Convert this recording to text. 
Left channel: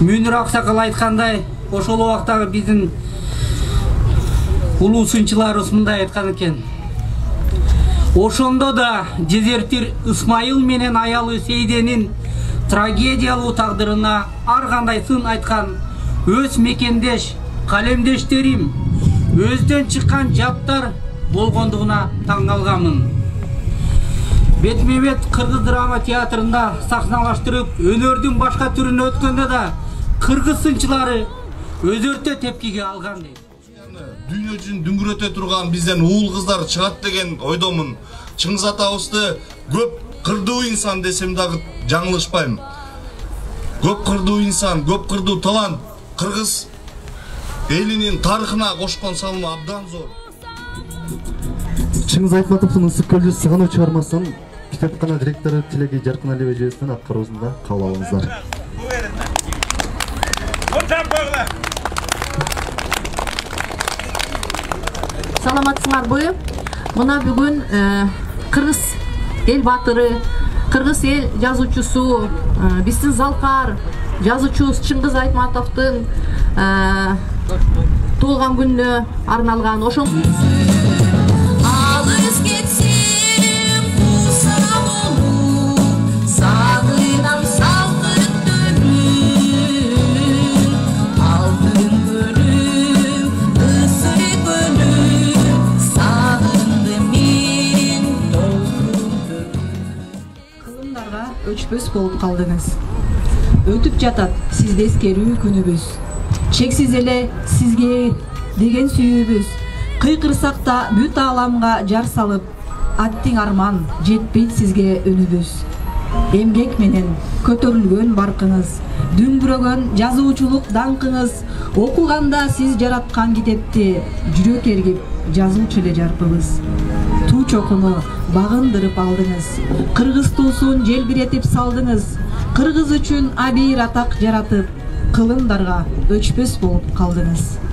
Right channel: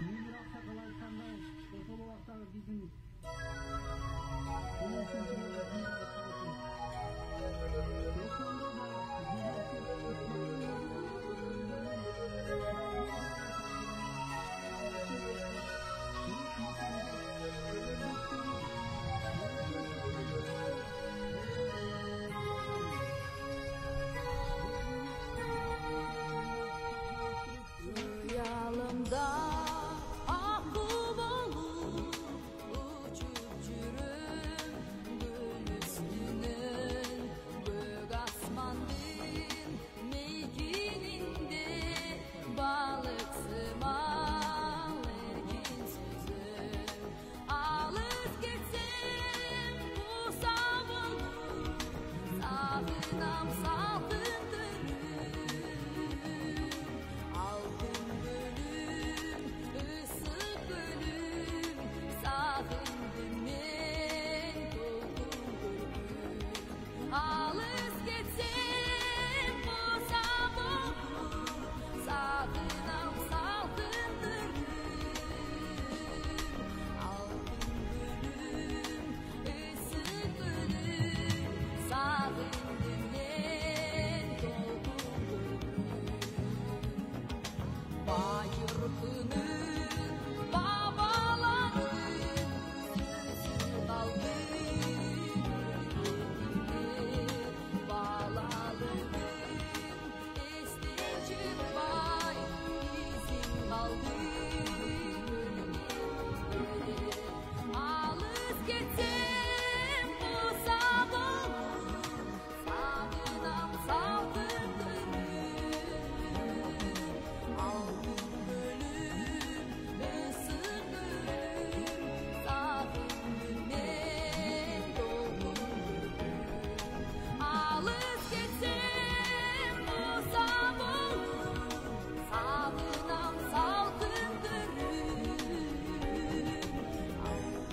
Мөнир Аксакал айткандай, ошол убактагы биздин улуу сынчыларыбыз мындай айткан экен. Ошондо да Дезертир Исмайыл менен аялы Сейденин трагедиялуу тагдырына ар кандай сын айткан өз мекендеш, калемдештерим, өздөн чыккан жаптар болгондугуна таң калганмын. Бетме-бет Кыргыз драма театрында сахналаштырып, өнөрдүн башка түрүнө өткөндө да кыргыз сынчылары өзөртө тепкиге алган дейт. Дүйнө жүзүн дүңгүрөтө турган бизден уул кыздар чыгат деген ойдомун. Чыңгыз атабызды көп кырдуу инсан десем дагы жаңылышпайм. Көп кырдуу инсан, көп кырдуу талант кыргыз элинин тарыхына кошкон салымы абдан зор. Чыңгыз Айтматовдун Ысык көлдү сыгынуу чыгармасын китапкана директору Тилеги Жаркыналиева эжесинин аткаруусунда кабыл алыңыздар. Саламатсыңарбы? Мына бүгүн кыргыз эл баатыры, кыргыз эл жазуучусу, биздин залкар жазуучубуз Чыңгыз Айтматовдун туулган күнүнө арналган ошол өчпөс болуп калдыңыз. Өтүп жатат сизде эскерүү күнүбүз. Чексиз эле сизге деген сүйүүбүз. Кыйкырсак да бүт ааламга жар салып, аттиң арман жетпейт сизге өнүбүз. Эмгек менен көтөрүлгөн баркыңыз, дүңбүрөгөн жазуучулук даңкыңыз, окуганда сиз жараткан китепти жүрөк эргип жазуучу эле жарпыбыз. Туу чокуну багындырып алдыңыз, кыргыз туусун желбиретип салдыңыз, кыргыз үчүн абийир атак жаратып, кылымдарга өчпөс болуп калдыңыз.